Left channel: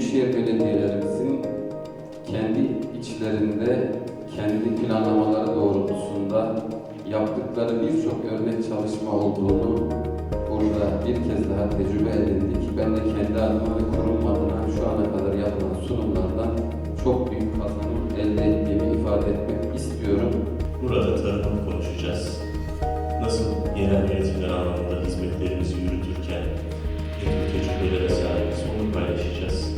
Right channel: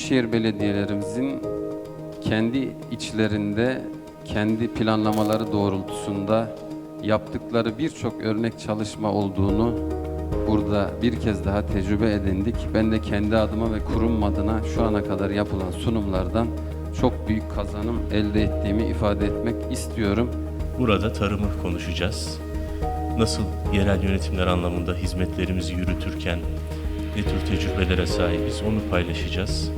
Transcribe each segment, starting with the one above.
büyükşehir belediyelerimizin kendi içlerinde, kendi planlamaları doğrultusunda yaptıkları birçok örnek çalışma olduğunu burada bir kez daha tecrübe edindik. Ben de kendi adıma ve kurum adına şu ana kadar yapılan sunumlardan çok büyük kazanım elde ettiğimi ifade etmek istiyorum. Burada tarımı konuşacağız. Nasıl yerel yönetimler anlamında hizmetlerimizi yürütürken ne tür tecrübelere sahibiz onu paylaşacağız.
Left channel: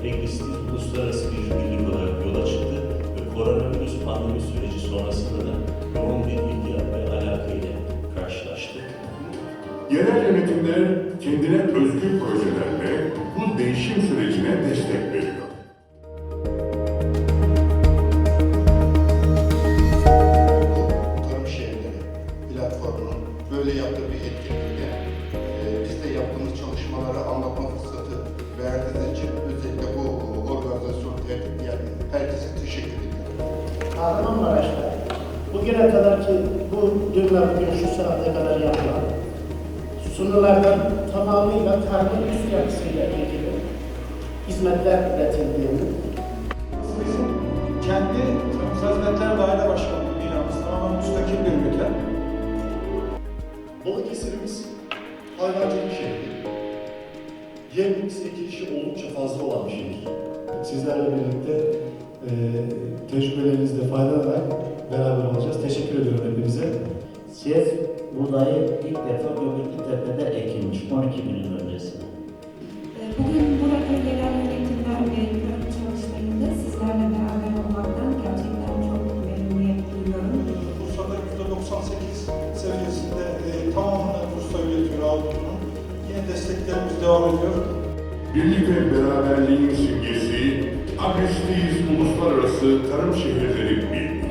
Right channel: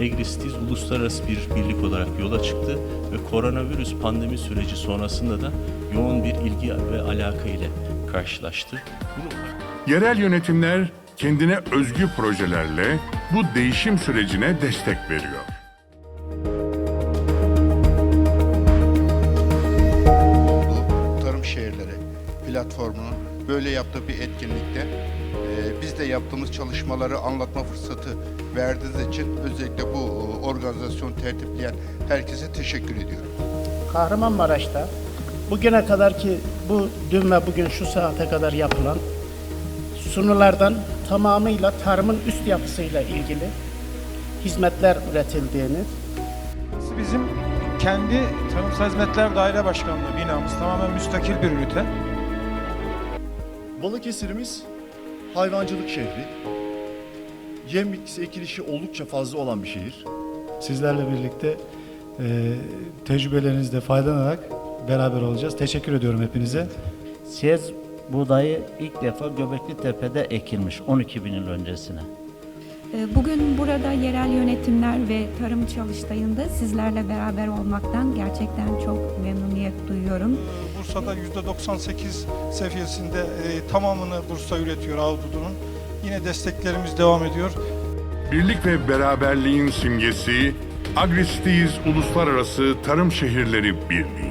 Egristiz uluslararası bir birlik olarak yola çıktı ve koronavirüs pandemi süreci sonrasında da yoğun bir ilgi ve alaka ile karşılaştı. Yerel yönetimler kendine özgü projelerle bu değişim sürecine destek veriyor. Bu Tarım Şehirleri platformunun böyle yaptığı bir etkinlikte e, biz de yaptığımız çalışmaları anlatma fırsatı verdiğiniz için özellikle bu organizasyon tertipleyen herkese teşekkür ediyorum. Kahramanmaraş'ta bugüne kadar ki bu dün ve bugün şu saate kadar yapılan sunulardan tamamıyla tarımın üst yapısıyla ilgili hizmetler üretildiğini Bizim kendi Tarımsal Hizmetler Daire Başkanlığı binamız tamamen müstakil bir ünite. Balıkesir'imiz hayvancılık şehri. Yem bitkisi ekilişi oldukça fazla olan bir şehir. Sizlerle birlikte e, tecrübelerinizle faydalanarak beraber olacağız. Teşekkür ediyorum hepinize. Siyez buğdayı ilk defa Göbekli Tepe'de ekilmiş 12 bin yıl öncesine. Ee, Bugün burada yerel yönetimler ve tarım çalıştayında sizlerle beraber olmaktan %98 seviyesinde e, tamamını Bursa üretiyor Avrupa'nın. Yine desteklerimiz devam ediyor. Birlik ve beraberliğin simgesi Agristiz Uluslararası Tarım Şehirleri Birliği.